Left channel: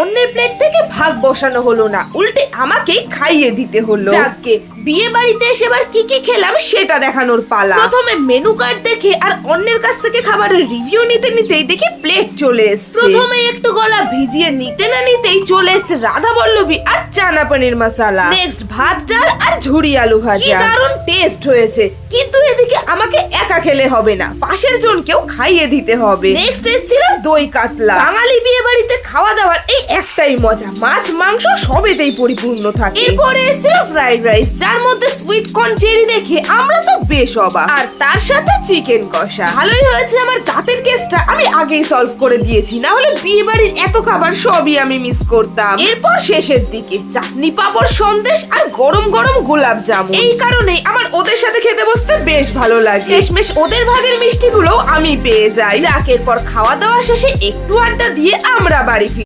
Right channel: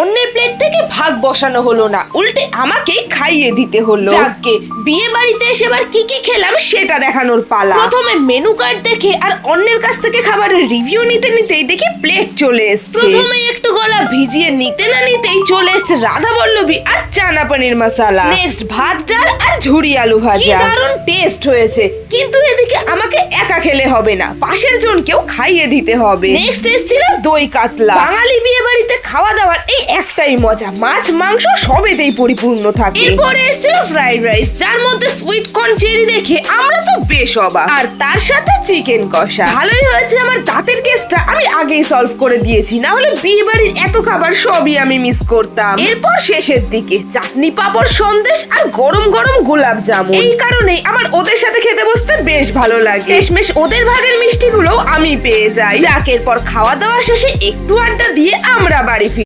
অন্যের প্লেট থেকে ভাগ বসানো হলো না উল্টে আমাকেই খাইয়ে দিতে হলো। যাকে বিয়ে বাড়িতে এসে এবার কি কি খেলাম সেটা দেখানোর পালা। প্রথমে মেনু কার্ড দেখে আর অন্যের কাছ থেকে খাবারের রিভিউ নিতে নিতেই দেখি প্লেট চলে এসেছে। প্রথমে একটু গলা ভিজিয়ে নিতে না নিতেই চলে এসেছে রাধা বল্লভী আর চানা পানির মশালা। নেক্সট ভাত ডাল আর ঝুড়ি আলু ভাজা। দারুণ টেস্ট হয়েছে। কিন্তু এদিকে আমাকে একা খেলে হবে না পাশের জনকেও খাইয়ে দিতে হবে। নেক্সট এসেছিল দই কাতলা। বাঙালি বিয়ে বাড়িতে খাওয়া দাওয়ার এই একটাই মজা মাছ মাংস সবেতেই পরিপূর্ণ থাকে। এরপরে এসেছিল ফ্রাইড রাইস যার মধ্যে সুইট কর্ন চেরি দেখে আমরা তো বেশ অবাক। আর তার সাথে চিকেন কষা। ভালোই হয়েছে আমার দাঁতের কেসটা আমি আগেই সলভ করে দিয়েছি না হলে বিয়ে বাড়ির এত খাবার সবই আমি মিস করতাম। এরপর শেষের দিকে চাটনি পাঁপড় সন্দেশ আর গরম গরম গোলাপ জামুন। এই কারণেই আমার ওদের সাথে খেতে বসতে বেশ ভালো লাগে। শেষমেশ ওদের ভাগের মিষ্টিগুলো আমি পেয়ে যাই। যাক এরপর খাওয়া দাওয়া শেষে একটু আড্ডা দিয়ে আমরা বাড়ি ফিরি